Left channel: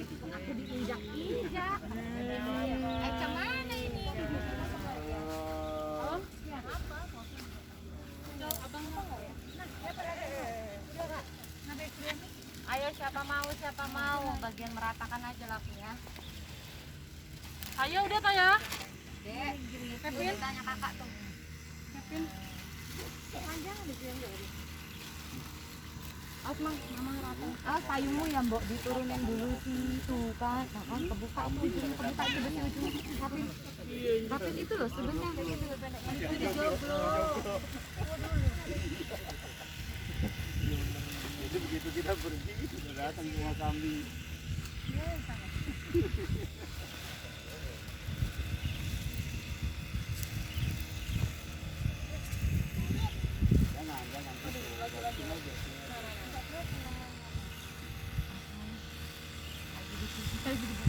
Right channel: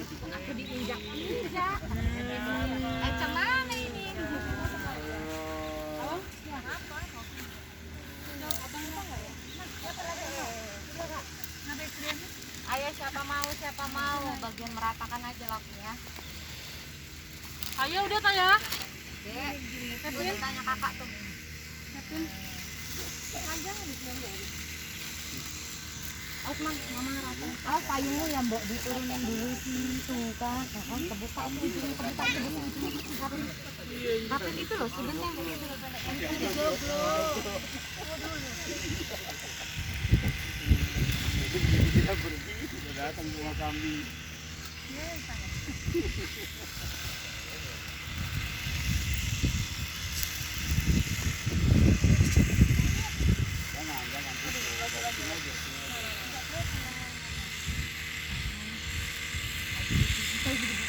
Aku diinjak-injak. Kemana ini? Oh, ya. Abang apa enggak ya? Ayo siapa mau bagian meratakan aja lakunya. Ayo udah Taya. Dek, udah tanya kakak tuh. Mang, mama rata. Payungmu ya mbok diturunin dulu situ kan. Kan kebuka itu Tapi itu loh sudutnya. Kita pergi, sudah datang rumah kambing. Jangan.